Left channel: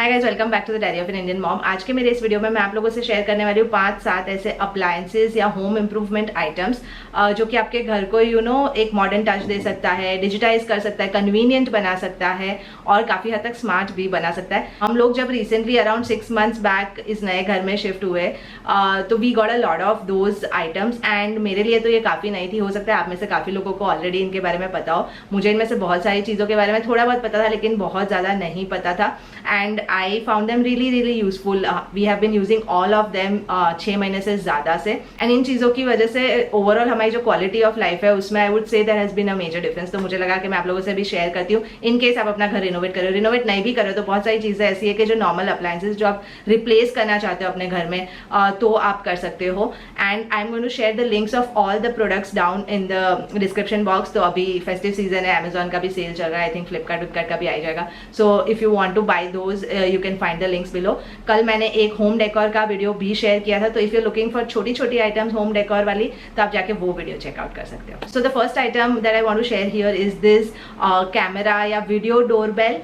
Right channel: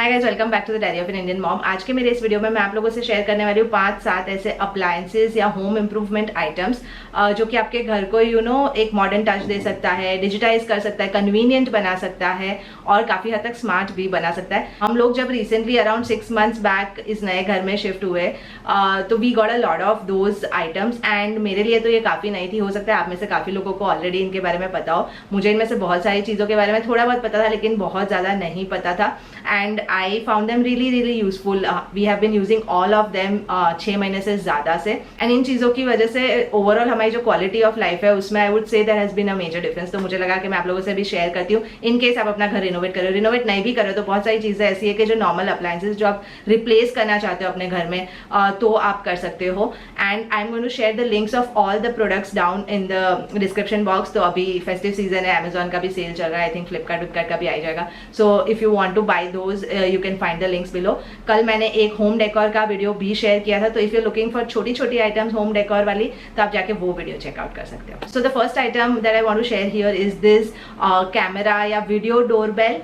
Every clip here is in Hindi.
Hi guys, welcome back to the diary of an Indian mom. आज के मेरे इस वीडियो में मैं आप लोगों से शेयर करने वाली हूँ 5-7 ऐसे अप्लायंसेस या होम इम्प्रूवमेंट आइटम्स जो कि आपके घर को एक मॉडर्न टच दे सकता है, डिजिटाइज कर सकता है, कन्वीनियंट बना सकता है और काफी हद तक स्मार्ट भी बना सकता है। हम लोग जब रिसेंटली अराउंड 6 मंथ्स बैक इस नए घर में शिफ्ट हुए तो we got a lot of those items and मेरे लिए तो ये काफी नई थी। हो सकता है आप में से काफी लोगों को ऑलरेडी इनके बारे में पता हो। मुझे इनमें से बहुत सारी चीजों के बारे में थोड़ा बहुत पता था लेकिन बहुत ज्यादा नहीं पता था and I found them really useful. We have been using all of them 6 महीने से ज्यादा से एंड इन चीजों की वजह से ओवरऑल हमारी जो क्वालिटी ऑफ लाइफ है उसमें I would say there has been a major difference. तो मुझे लगा कि मैं आप लोगों से भी शेयर करती हूँ इन केस आप अपना घर रिनोवेट नहीं भी करें तो बहुत सारी चीजें ऐसी है कि जो नॉर्मल अप्लायंसेस जो आप रिप्लेस करना चाहते हो अपने घर में तो आप कर सकते हो। And I am going to share the links of all the products down in the description box. तो अभी फेस्टिव सीजन है, अमेजॉन का भी सेल चल रहा है, आई थिंक फ्लिपकार्ट का भी आ जाएगा। So if you want to buy those you can find the links below. कल मैंने एक होम डेकोर का वीडियो भी शेयर किया था, तो इफ यू लुकिंग फॉर छोटी छोटी आइटम्स होम डेकोर वाली तो आप जाके वो वीडियो चेकआउट कर सकते हो। So the first item that I want to share here is this camera या video doorbell.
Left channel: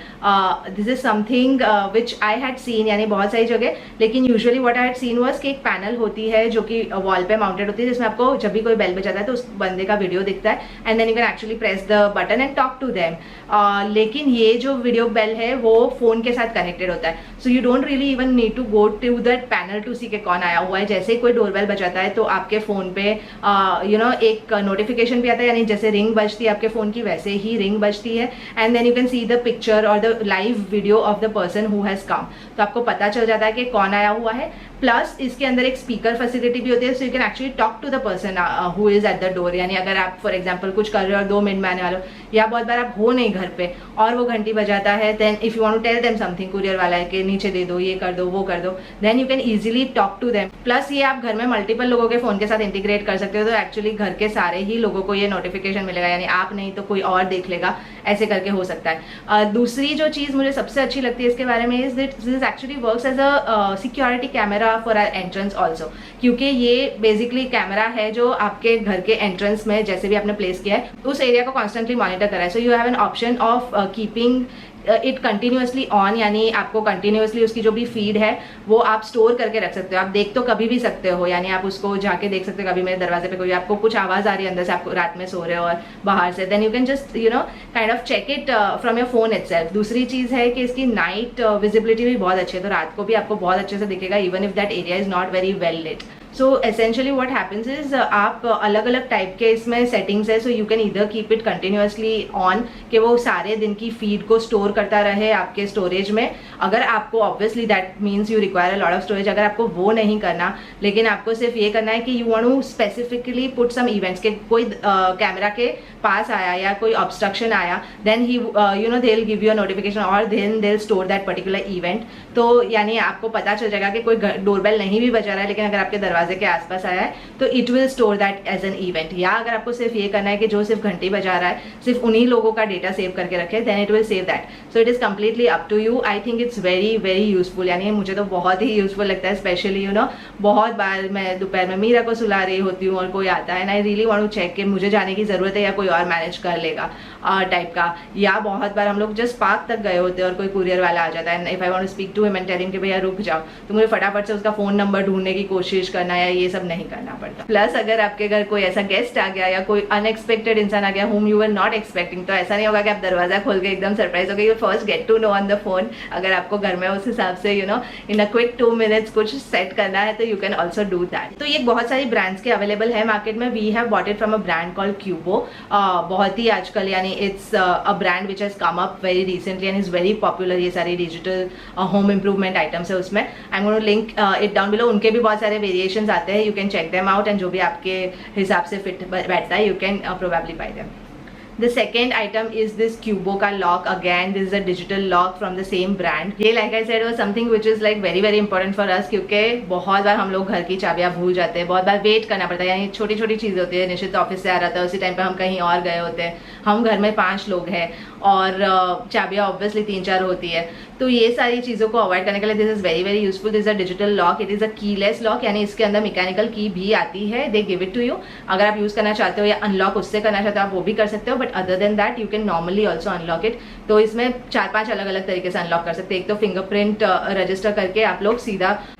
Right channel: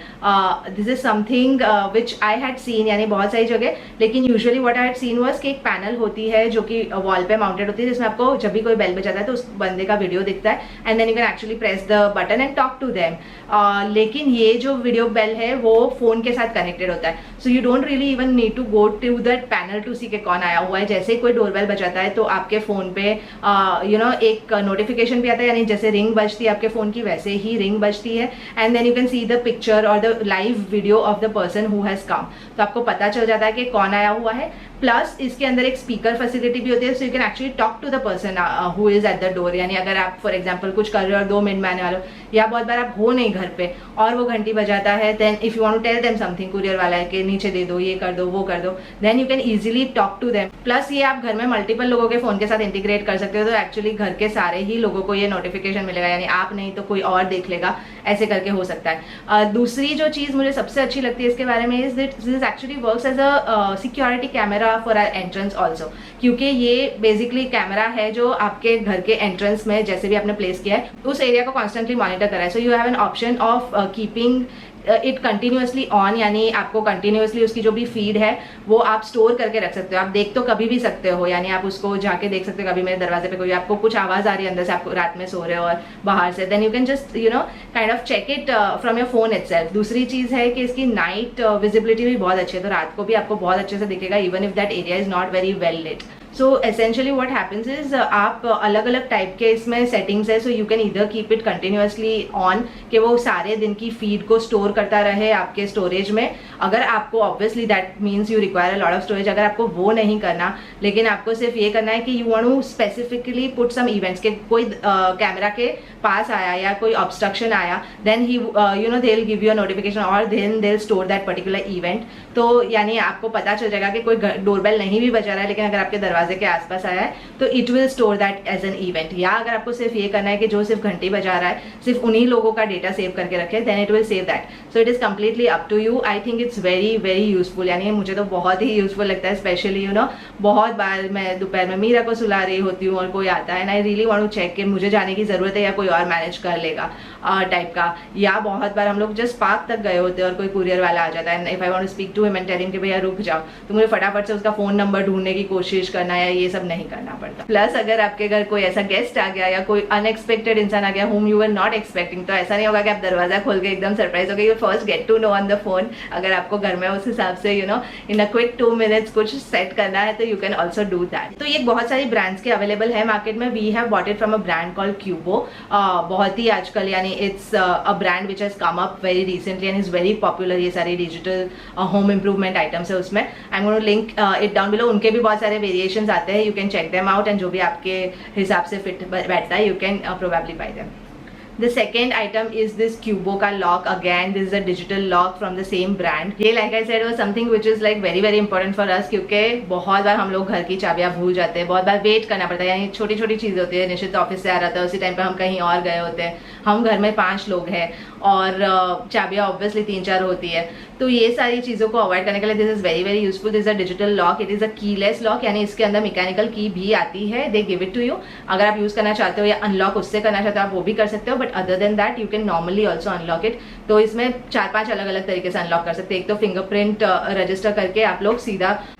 This is something which I had seen यानी बहुत सारी जगह, लेकिन usually what I had seen was कि एक पैनल होती है जो कि वॉल पे माउंटेड होती है जिसमें आपको जब भी कोई बेल बजाता है तो उस बंदे का वीडियो दिखता है and then you can actually press the button and talk to them. लेकिन ये जो वीडियो बेल है वो फोन के साथ कनेक्टेड होता है, so you don't really even need to go to that panel to see के कौन आया हुआ है। जैसे कोई डोरबेल बजाता है तो आपके फोन पे एक नोटिफिकेशन भी आता है, यानी जैसे रिंग बजती है आपके फोन की वैसे ही रिंग बजती है and then you can see the picture और the live video of the person who has come. तो आपको पता चल जाता है कि कौन आया हुआ है। प्लस इसके अंदर एक स्पीकर फैसिलिटी भी होती है, so you can actually talk to the person who is at the door. यानी अगर आप फॉर एग्जाम्पल कुछ कर रहे हो 2 मिनट में आने वाला या बहुत बार आप हो नहीं घर पे और वो घंटी बजाता है, then if you want to tell them something, courier वाला है कि नीचे दे दो, ये कर दो, वो कर दो, then you can easily talk to them. Plus ये आप घर में मल्टीपल लोगों के फोन के साथ इंटीग्रेट कर सकते हो, तो एक्चुअली घर के सारे ही लोगों को ये नोटिफिकेशन मिलेगा, यानी आप नहीं तो कोई और देख लेगा, ऐसे करके हो सकता है। दूसरी जो चीज मुझे सबसे अच्छी लगती है इसके बारे में is that this actually works as a security camera for our entrance also, क्योंकि ये बेसिकली कैमरा है जो आपके घर के एंट्रेंस में जैसे भी आपने प्लेस किया है उस एरिया को कॉन्स्टेंटली मॉनिटर कर रहा है। So you have an option of keeping it continuously on, यानी आपको कंटिन्यूसली उसकी जो भी फीड है वो आप स्टोर करके रख सकते हो। आप देख तो कभी भी सकते हो, यानी आप उसको जाके देख सकते हो। कभी मेरे दरवाजे पे कोई आपको कुछ आवाज आ रही है अंदर से, आपको रात में सो रहे हो और बाहर से, then you can just kind of check it from your phone itself. दूसरी चीज है कि इसकी नाइट विजिबिलिटी भी बहुत अच्छी है, तो रात को भी आपको बहुत अच्छे से दिखेगा even if that area is not very well lit. So essentially what happens is आप अलग अलग टाइप के इसमें सेटिंग्स है, so you can either keep it continuously on कि वो सारे दिन की फीड को स्टोर करता रहे आपके स्टोरेज में। अगर आपको obviously that means you require a lot of storage, अगर आपको वो नहीं करना लेकिन आपको सिर्फ ये करना है कि you want to specifically put some events के कोई कैमरा के पास आया या कोई ऑब्स्ट्रक्शन आया, देन ही they will give you a notification और then they will store that particular event. तो यानी आपको पता चल जाएगा कि कोई डोरबेल नहीं भी बजा रहा है लेकिन अगर आपके दरवाजे के आसपास आया है तो it will store that as an event. या अगर आपको सिर्फ ये करना है कि जो सिर्फ घंटी बजा रहा है सिर्फ उन्हीं लोगों का डेटा सेव करके रखे, then it will save that. So it is completely up to you. I think it's very useful, यानी मुझे तो बहुत ही यूजफुल लगता है। स्पेशली बहुत बार मैं दोपहर में मीरा को सुला रही होती हूँ और कोई आता है and I really want to check कि मुझे जाने की जरूरत है या कोई और मैनेज कर लेगा टाइप का। या बहुत बार हम लोग जस्ट पार्क तक गए होते हैं और कोई कुरियर वाला आ जाता है, if I want to speak to him and tell him कि भैया रुक जाओ, तो मुझे फटाफट से उसका फोन नंबर ढूंढने की कोशिश करना या ये सब नहीं करना पड़ता। प्लस अगर आपके घर कोई ऐसा गेस्ट आ गया या कोई अनएक्सपेक्टेड इंसान आ गया whom you were not expecting, तो ऐसा नहीं होगा कि आप दरवाजा खोल के एकदम सरप्राइज हो गए। You first get to know on the phone. अगर आपको घर में उस हिसाब से इन अ क्विक 2 minutes कुछ सेट करना है तो you can also do that. तो ये बहुत सारी ब्रांड्स के अवेलेबल है मार्केट में। We have bought it from a brand called Qubo. बहुत ही आजकल यानी it's a brand which has come up very recently and is very popular. ये सारे डिजिटल होम इम्प्रूवमेंट आइटम्स है उसमें। I am going to link it down below. उनके भी बहुत सारे वेरिएशंस आते हैं, you can check them out and जो भी आपके हिसाब से फिट बैठता है you can probably bye them. The second item is this Cubo का lock. Again, this is a digital lock from the same brand. ये like I said was something which is like very important for us, क्योंकि बहुत बार हम लोग घर की चाबियां भूल जाते हैं, बहुत बार वेट करना पड़ता है। यानी छोटी छोटी चीज होती है, निश्चित ऑफिस से आ रहा था उसी टाइम पे हम कहीं और गए होते हैं, हम घर में 5 लोग हैं और चाबियां ऑब्वियसली 3-4 होती है, तो ये सारी चीजों को अवॉइड करने के लिए this is very useful. This is a digital lock, it is a keyless lock, यानी इसके अंदर मैकेनिकल की भी आती है, they give it to you. अगर आप यूज करना चाहते हो या अनलॉक उससे करना चाहते हो आप वो भी कर सकते हो, but other than that you can normally also unlock it. तो इसमें 4-5 अलग अलग तरीके से अनलॉक कर सकते हैं। एक तो फिंगरप्रिंट रजिस्टर करके आप लोग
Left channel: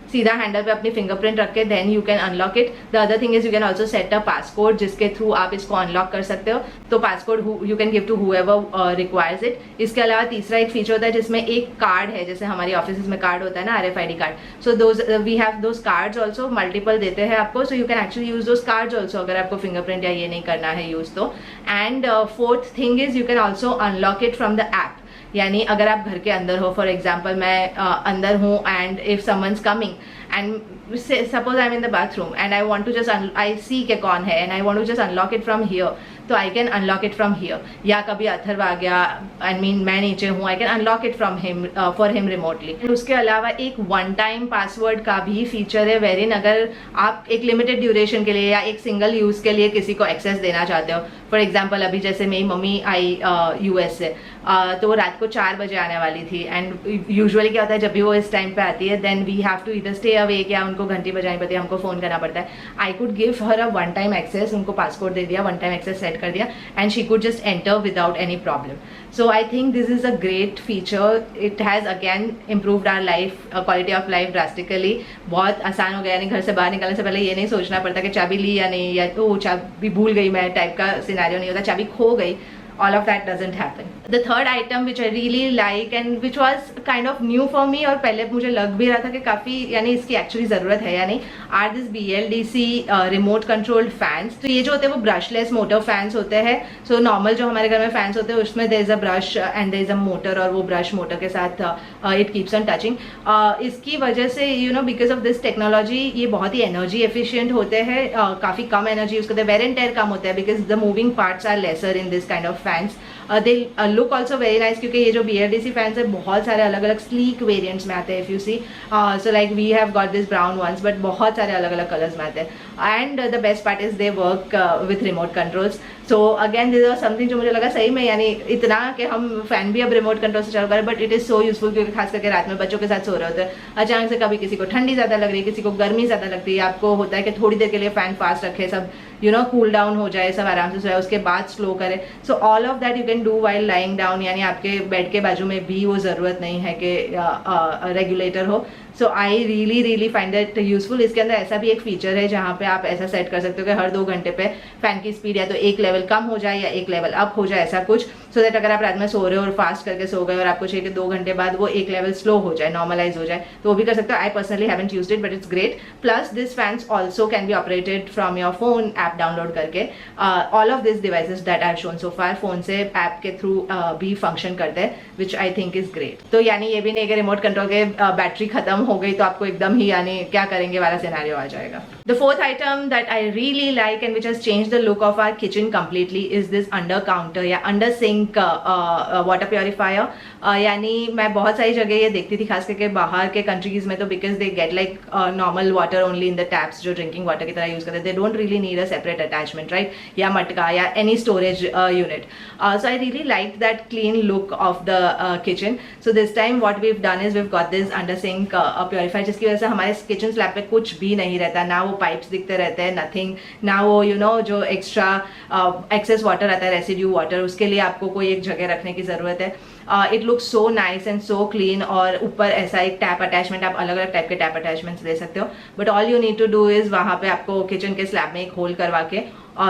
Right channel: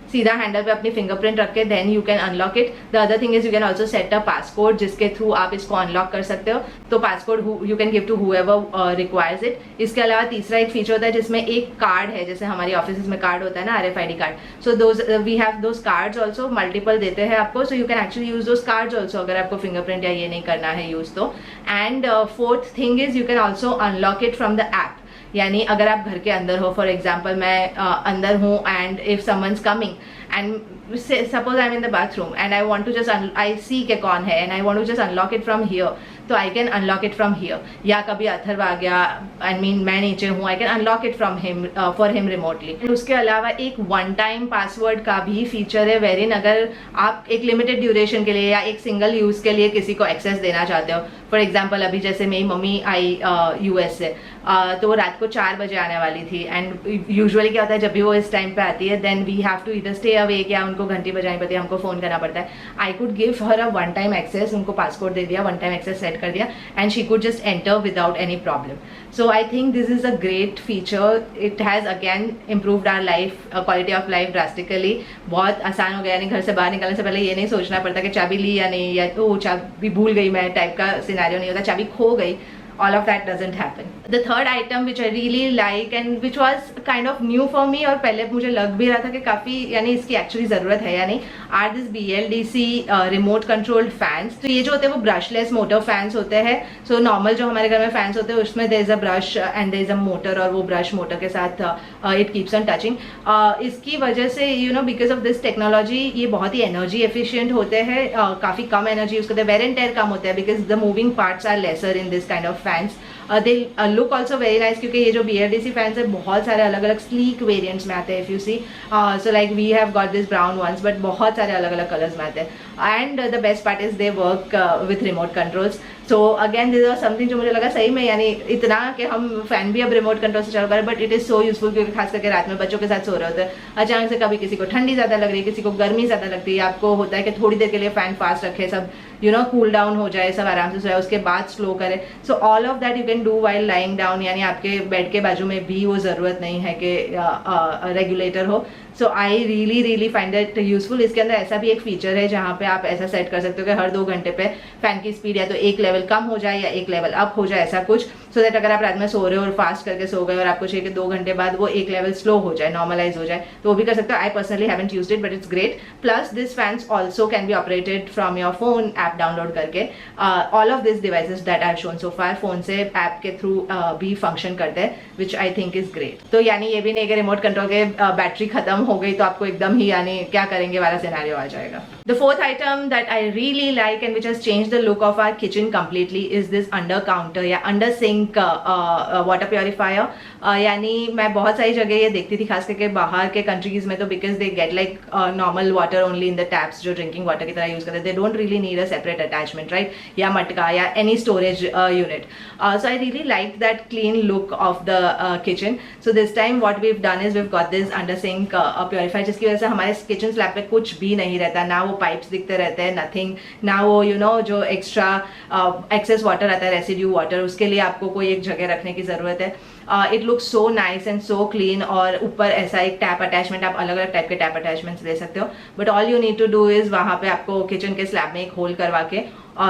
सीधा हैंडल पे अपनी फिंगरप्रिंट रख के then you can unlock it. The other thing is you can also set a passcode जिसके थ्रू आप इसको अनलॉक कर सकते हो, तो passcode you can give to whoever requires it. इसके अलावा तीसरा एक फीचर होता है जिसमें एक कार्ड है, जैसे हमारे ऑफिस में कार्ड होता है ना, RFID card, so those we have those cards also, multiple देते हैं आपको, so you can actually use those cards also अगर आपको फिंगरप्रिंट या ये नहीं करना है यूज तो। And fourth thing is you can also unlock it from the app, यानी अगर आप घर के अंदर हो, फॉर एग्जाम्पल मैं अंदर हूँ and if someone's coming and suppose I'm in the bathroom and I want to just I see कि कौन है and I want to just unlock it from here, तो I can unlock it from here। या कभी अथर्व आ गया, I mean मैं नीचे हूँ, I can unlock it from him for him remotely। उसके अलावा एक वन टाइम पासवर्ड का भी फीचर है, वेरिन अगर आप एक लिमिटेड ड्यूरेशन के लिए या एक सिंगल यूज के लिए किसी को एक्सेस देना चाहते हो, फॉर एग्जाम्पल अभी जैसे मेरी मम्मी आई US से, तो वो रात को 4 बजे आने वाली थी एंड यूजुअली क्या होता है जब भी वो इस टाइम पे आती है देन वी हैव टू इधर स्टे अवेक या उनको घंटी बजानी पड़ती है, हमको फोन करना पड़ता है। I could give her a one time access, उनको पासकोड दे दिया, वन टाइम एक्सेस सेट कर दिया and she could just enter without any problem. So I think this is a great feature, it has again improved our life, quality of life drastically. बहुत आसान हो गया, यानी घर से बाहर निकलने से पहले ये नहीं सोचना पड़ता कि चाबी ली या नहीं, या ओ चाबी भूल गई मैं टाइप का सिनेरियो नहीं होता, चाबी खो गई, all of that doesn't happen. The third item which I really like and which was kind of new for me और पहले मुझे लग भी रहा था कि काफी यानी इसकी एक्चुअली जरूरत है या नहीं, are this BLDC remote controlled fans। तो ये जो होते हैं वो ब्रशलेस मोटर फैंस होते हैं। सो नॉर्मल जो हमारे घर में फैंस होते हैं उसमें there is a brush and there is a motor, और वो ब्रश मोटर के साथ it keeps on touching। इसकी वजह से you know because of this technology ये बहुत ही एनर्जी एफिशिएंट होते हैं, काफी कम एनर्जी यूज करते हैं, वेयर एंड टेयर कम होता है because the moving parts are lesser in this kind of fans. They look also very nice, क्योंकि ये जो BLDC फैंस है बहुत सारे अलग अलग स्लीक वेरिएंट्स में आते हैं। If you see so like we have got this brown ones, but बहुत सारे अलग अलग कलर्स में आते हैं and the best part is they work with remote controls. So again this is something जो मुझे लगा सही में, यानी इतना कि हम फैन भी अब रिमोट कंट्रोल से चल पा रहे, but it is so useful क्योंकि खास करके रात में बच्चों के साथ सो रहे होते हैं, अचानक से कभी किसी को ठंडी ज्यादा लग रही है, किसी को गर्मी ज्यादा लगती है, आपको होता है कि थोड़ी देर के लिए फैन फास्ट रखे, सब यू नो कूल डाउन हो जाए, सब आराम से सोए, उसके बाद स्लो करे। So all of that you can do while lying down, यानी आपके बेड के बाजू में भी वो जरूरत नहीं है कि रेगुलेटर हो। So I really find it useful. इसके अंदर ऐसा भी एक फीचर है जहाँ पे आप ऐसा सेट कर सकते हो कि हर 2 घंटे पे फैन की स्पीड है तो एक लेवल कम हो जाए या एक लेवल अप हो जाए, ऐसा कुछ, सो दैट अगर आप रात में सो रहे हो और फास्ट करके सो गए और आपको चाहिए कि 2 घंटे बाद वो एक लेवल स्लो हो जाए, नॉर्मलाइज हो जाए, तो वो भी कर सकते हो। I personally haven't used it but it's great. Plus this fans also can be operated from your phone app download करके। All of this devices that I have shown so far phone से ऐप के थ्रू भी फंक्शन करते हैं, which I think is great. तो यानी ये भी नहीं कि रिमोट कंट्रोल के बैटरी खत्म हो गई तो आपको एकदम ही यानी क्या करेंगे वाला सिनेरियो आ जाएगा। The fourth item that I really like and which has changed the look of our kitchen completely is this under counter या अंडर सिंक वाटर प्योरीफायर। यानी मैं बहुत सारी जगह ये देखती थी, खास करके बाहर के कंट्रीज में, तो because they get like normal water only in the taps जो ड्रिंकिंग वाटर की तरह यूज करते हैं, they don't really need a separate attachment, right, या मटका या any storage unit. So I really like that clean look of the kitchen. So this time what we have done is we have got this under sink purifier, जिसकी वजह से हमारे किचन स्लैब पे कुछ भी नहीं रहता, ना वो पाइप्स दिखते रहते हैं, नथिंग, ना वो यू नो जो एक्स्ट्रा एक्सेस वाटर आता है, रेसिड्यू वाटर, उसके लिए आपको कोई एक जगह रखने की जरूरत है। It looks so nice and so clean. और ऊपर ऐसा एक टैप अटैचमेंट, आप अलग अलग टाइप के टैप अटैचमेंट्स ले सकते हो, but all you need to do is वहां पे आपको किचन के स्लैब में एक होल करवा के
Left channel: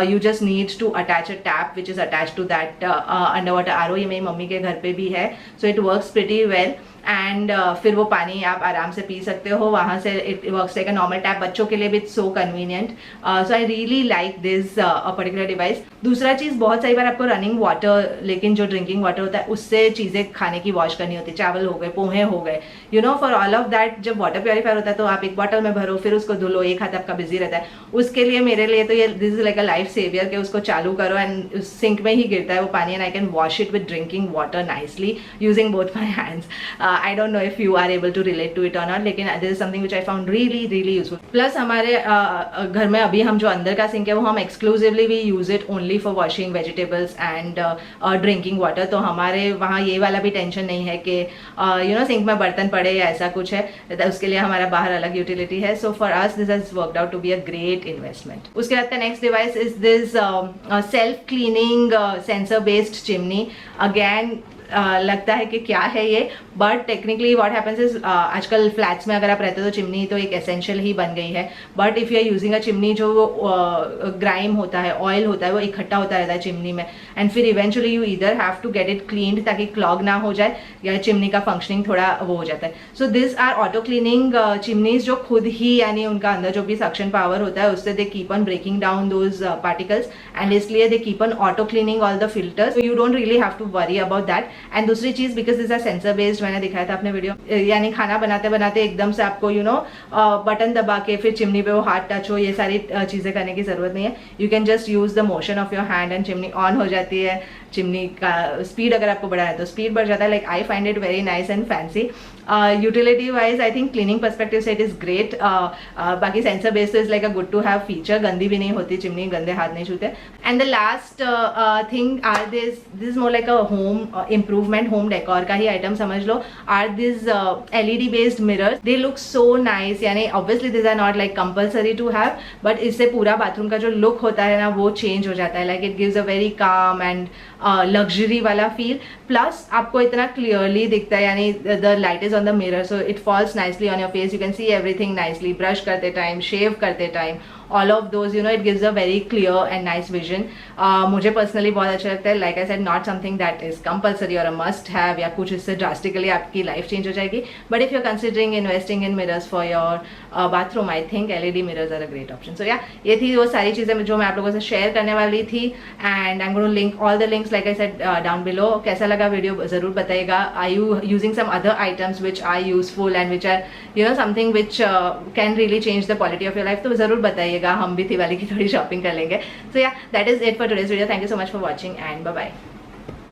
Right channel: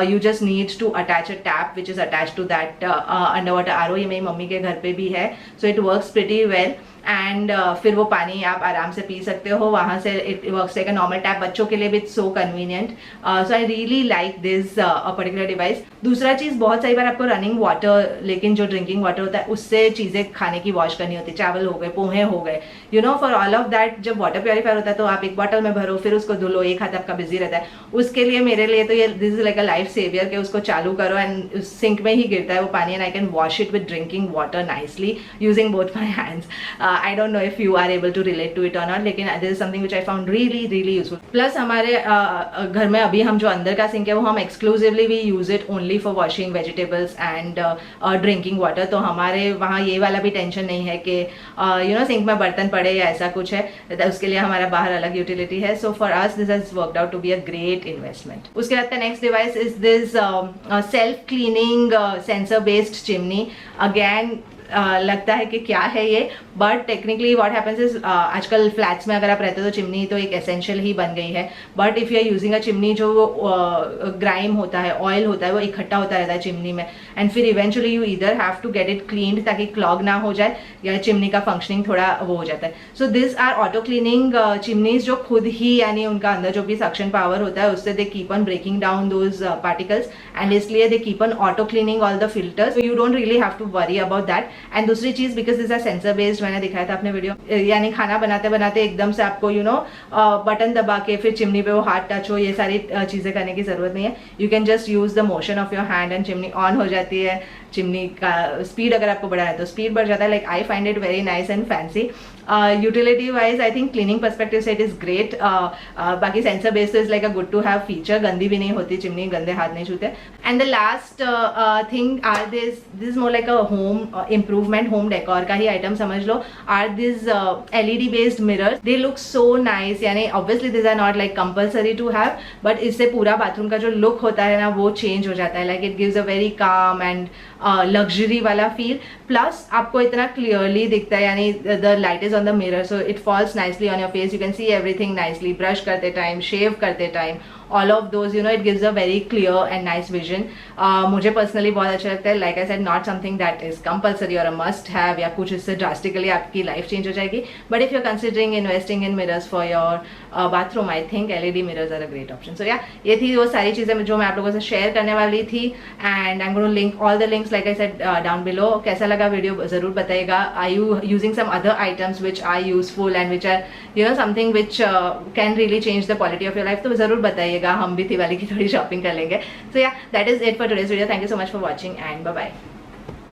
you just need to attach a tap which is attached to that underwater RO। ये मेरी मम्मी के घर पे भी है, so it works pretty well। And फिर वो पानी आप आराम से पी सकते हो वहाँ से, it works like a normal tap. बच्चों के लिए भी it's so convenient, so I really like this particular device. दूसरा चीज़, बहुत सारी बार आपको रनिंग वाटर, लेकिन जो ड्रिंकिंग वाटर होता है उससे चीज़ें खाने की वॉश करनी होती है, चावल हो गए, पोहे हो गए, you know, for all of that जब वाटर प्योरीफायर होता है तो आप एक बॉटल में भरो, फिर उसको धुलो, एक हाथ आपका बिजी रहता है। उसके लिए मेरे लिए तो ये this is like a life saver के उसको चालू करो एंड सिंक में ही गिरता है वो पानी, and I can wash it with drinking water nicely using both my hands. I don't know if you are able to relate to it or not, लेकिन this is something which I found really useful। Plus हमारे घर में अभी हम जो अंदर का सिंक है वो हम exclusively we use it only for washing vegetables and drinking water. तो हमारे वहाँ ये वाला भी टेंशन नहीं है कि यू नो सिंक में बर्तन पड़े या ऐसा कुछ है, तो उसके लिए हमारा बाहर अलग यूटिलिटी है। So for us this has worked out to be a great investment. उसके बाद next device is this self cleaning sensor based chimney. Again लगता है कि क्या है ये, but technically what happens is आजकल फ्लैट्स में अगर आप रहते हो तो चिमनी तो एक एसेंशियल ही बन गई है, but if you are using a chimney, जो ग्राइम होता है, ऑयल होता है, वो इकट्ठा होता रहता है चिमनी में, एंड फिर eventually you either have to get it cleaned ताकि क्लॉग ना हो जाए, या चिमनी का फंक्शनिंग थोड़ा हो जाता है. So this are auto cleaning chimneys, जो खुद ही यानी उनका अंदर जो भी सक्शन पावर होता है उससे they keep on breaking down those particles, and इसलिए they keep on auto cleaning all the filters, so you don't really have to worry about that. And दूसरी चीज, because this are sensor based, मैंने दिखाया था अपने वीडियो, यानी खाना बनाते बनाते एकदम से आपको बटन दबा के फिर चिमनी पे वो हाथ टच हो, ये सारी चीजें करने की जरूरत नहीं है. You can just use the motion of your hand and chimney on हो जाती है. चिमनी का स्पीड अगर आपको बढ़ाया तो स्पीड बढ़ जाता है. Like I find it very nice and fancy. Utility wise I think cleaning perspective से इट इज ग्रेट. बाकी sensor based is like a good to have feature. गंदी भी नहीं होती चिमनी, गंदे हाथ नहीं छूते. And the last thing are this more like a home improvement, home decor का ही आइटम समझ लो, are this LED based mirrors. They look so nice. यानी obviously this are not like compulsory to have, but इससे पूरा बाथरूम का जो लुक होता है ना वो चेंज हो जाता है. Like it gives a very calm and luxury वाला फील. प्लस आपको इतना क्लियरली दिखता है, यानी the light is on the mirror, so it falls nicely on your face. You can see everything nicely. Brush करते time, shave करते time, all of those, it gives a very clear and nice vision. मुझे personally बहुत अच्छा लगता है. Like I said, not something that is compulsory or a must have या कुछ इससे drastically आपकी life change हो जाएगी. But if you're considering investing in mirrors for your bathroom, I think LED mirrors are a great option. So yeah, ये थी वो सारी चीजें जो मैं आप लोगों से शेयर करने वाली थी. And I'm going to link all the links, like I said, down below. कैसा लगा वीडियो जरूर बताइएगा. Are you using some other items which are useful and which are something which can really change the quality of your life? तो जरूर बताइएगा. हम भी दिवाली की थोड़ी शॉपिंग कर लेंगे. So yeah, that is it for today's video. Thank you so much for watching and bye bye.